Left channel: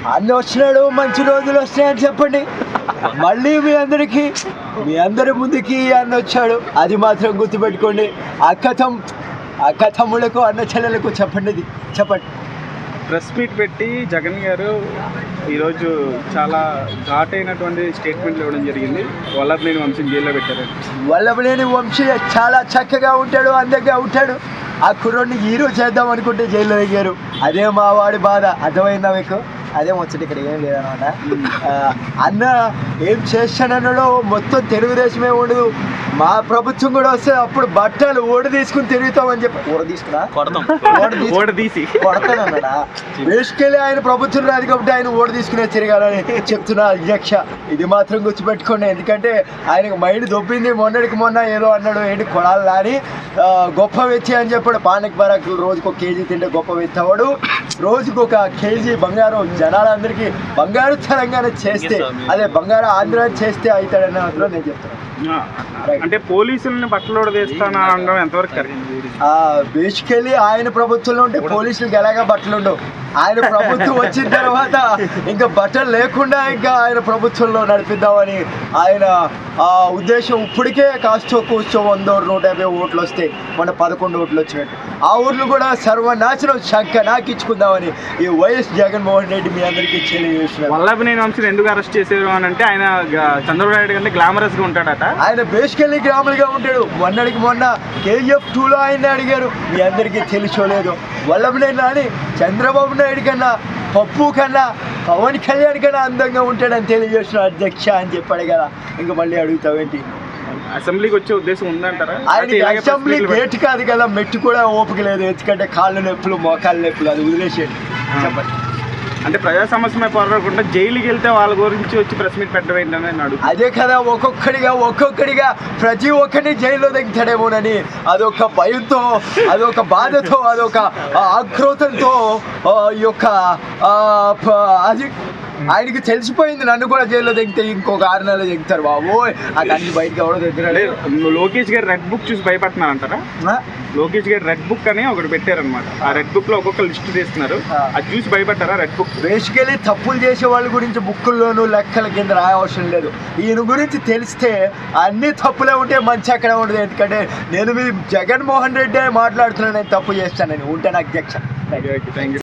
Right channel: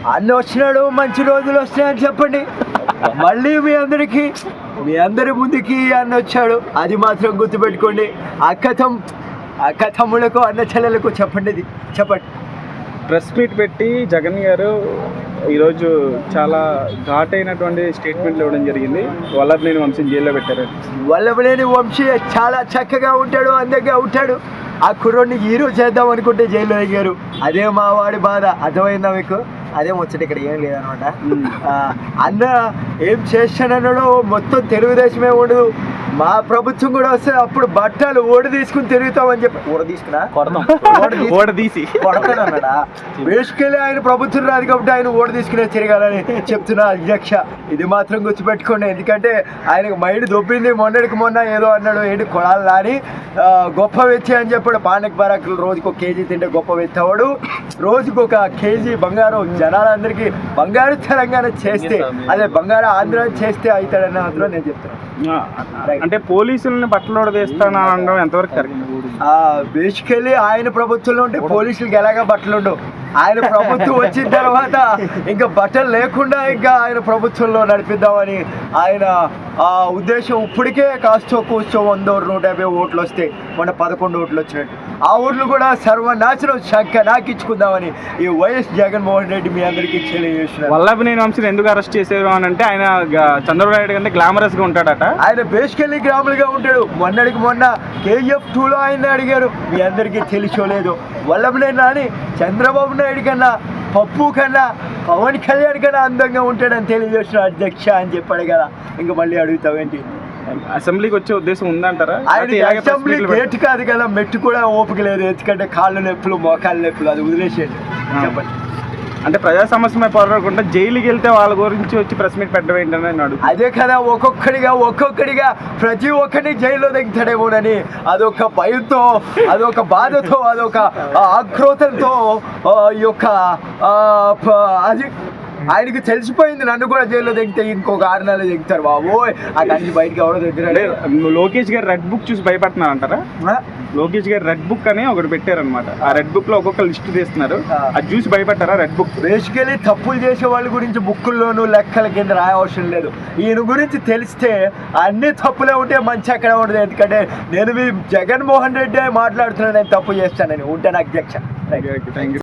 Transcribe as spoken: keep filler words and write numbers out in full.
అన్న వచ్చినాడు, మంచి రోజులు వస్తాయని చెప్పండి. మళ్ళీ మీ అందరికీ మీ అందరి ముందుకి అన్న వచ్చాడు, అది మాత్రం గుర్తుపెట్టుకోండి. అక్క తమ్ అక్క తమ్ముళ్ళకు అన్న చెల్లెలకు చెప్పండి, ఇది చెప్పండి. ప్రెస్ మీట్ పెట్టి జగన్ గారు ఈరోజు చాలా ఘాటైనటువంటి స్టేట్మెంట్లు ఇవ్వడం జరిగింది. వల్లభనేని వంశీ జైల్లో పెట్టారు. వల్లభనేని వంశీ చాలా చక్కగా ఉంటాడు, అందంగా ఉంటాడు. ఆ కుర్రోడిని హీరో చేద్దాం అనుకుంటే జైల్లో దిగారు. అదే మా వాడి బాధ, అర్థమైందా మీకు? అదే ముచ్చట, ఇక్కడ ఏం లేదనమాట. అన్న ఏం చేస్తానన్నాడో మొత్తం తెలుగుదేశమే ఉండదు. మా ప్రభుత్వం కూడా వస్తే అప్పుడు బట్టలు ఓడి తీసుకుని తిరుగుతామని చెప్పి ఓడ తీసుకున్నా ఓడ తీసి కొడతానన్నాడా? వేసుకెళ్ళి ఆయన ప్రభుత్వం రాదు కాబట్టి ఆయన ఓడి తీసుకునే తిరగాలని చెప్తున్నా అధ్యక్ష. ఇది మాత్రం గుర్తుపెట్టుకోండి, ఎందుకంటే ఆయనకు మైండ్ దొబ్బింది. మొన్నటికి మొన్న ఏదో అన్నాడు, ఏంటి కొడాలి అని గొప్ప వ్యక్తి అని చెప్పాడు. పానక్ బరాకులు రోజుకు ఒక కేజీ తింటే గొప్ప వ్యక్తి. రోజుకు ఒక కేజీ బంగారం జనాలందరికీ బంగారు తెలంగాణ చేస్తే, అదే బంగారు ఆంధ్ర చేస్తే అవుతాడని అందులో నేను చెప్తాను. అంటే పోలీసులని బట్టలు వేస్తాను అనడం ఎంతవరకు బేసికలీ ఆయన ప్రభుత్వంలో ఉంటే పోలీసులకి ఎలాగా బట్టలు ఉండవు. ఆయన ప్రభుత్వం వచ్చిన తర్వాత ఇంకా బట్టలు లేకుండా ఇంకా ఆయన ప్రభుత్వంలో నడిపిద్దామని ఆయన ఆ ఉద్దేశం. ఇప్పటికే కాస్తో కూర్చో వందో నూట యాభై ఓట్లు వస్తాయి, మొన్న పదకొండు ఓట్లు వచ్చినట్టు. ఆ ఓట్లు కూడా సర్వనాశనం శంక నాకిచ్చుకుందామని ఈ వైఎస్ జగన్మోహన్ రెడ్డి మీ అందరికీ తెలియజేస్తున్నారు. వల్లభనేని వంశీని ఎందుకు అరెస్ట్ చేసేది అని అంటే, ఆయన చంద్రబాబు నాయుడు కంటే గ్లామరస్ గా ఉంటాడట. ఆయన బేసికల్లీ గ్రాములు గా ఉంటాడు. మొన్నటికి మొన్న కేజీఎఫ్ టూలో ఆయన అడిగారు, మీ అందరికీ తెలిసోలేదు. వల్లభనేని అని చంద్రబాబు నాయుడు కన్నా, పప్పు కన్నా, పవన్ కళ్యాణ్ కన్నా అందంగా ఉంటాడని తెలియజేస్తున్నారు అధ్యక్ష అని చెప్పాడు కదా. ఇంకా మళ్ళీ అడుగుతావేంటి? అసెంబ్లీకి వచ్చే ఉద్దేశం ఉందంటారా? ఆయన అసెంబ్లీ గేట్ కాదు కదా, మెట్టు కూడా ఓపిక లేదు. ఎందుకంటే కాళ్ళు నొప్పులు, మోకాళ్ళ నొప్పులు, అది వదిలేసేయండి. చెప్పండి. అంటే ప్రజా సమస్య పోరాడకుండా జైలుకి వెళ్తే వాళ్ళ గురించి వచ్చి ప్రెస్ మీట్ పెట్టడం ఏంటని అన్నాడు. అదే కదా, ఒక్కొక్కడిగా ఒక్కొక్కడిగా ప్రతి ఒక్కరిని జైల్లో దిగుతాడేమోనని అదొక భయంతో, అదొక బాధతో, అదొక ఆక్రోతంతో ఈ యొక్క అది ఆయనకి తెలిసిపోయింది. నన్ను కూడా జైల్లో దిగితే ఇంకొక ఆరు నెలలు దిగుతారు బాబోయ్, ఆ అన్ని బయటకు ఎవడో దగ్గర. లోకేష్ గారు రెడ్ బుక్ చూసి భయపడుతున్నారు అంటారా? లోకేష్ గారు రెడ్ బుక్ అని ఒకటి పెట్టారనమాట. ఆ రెడ్ బుక్ లో ఒక్కొక్క లిస్ట్ తీస్తున్నారు, అది చూసి భయపడ్డారా? రెడ్ బుక్ బేసికలీ తప్పులు చేసే వాళ్ళ గురించి బుక్కుల్లోనూ లెక్కల కింద రాయవసరం లేదు. ఈయన గురించి తెలిస్తే అన్ని తప్పులే ఉంటే మంచి అక్కడ ఉండదు. ఎందుకంటే నేను మీ జగన్మోహన్ రెడ్డి మాట్లాడుతున్నాను, నేను తప్పు చేస్తానని ఉంటాను అధ్యక్ష. Thank you.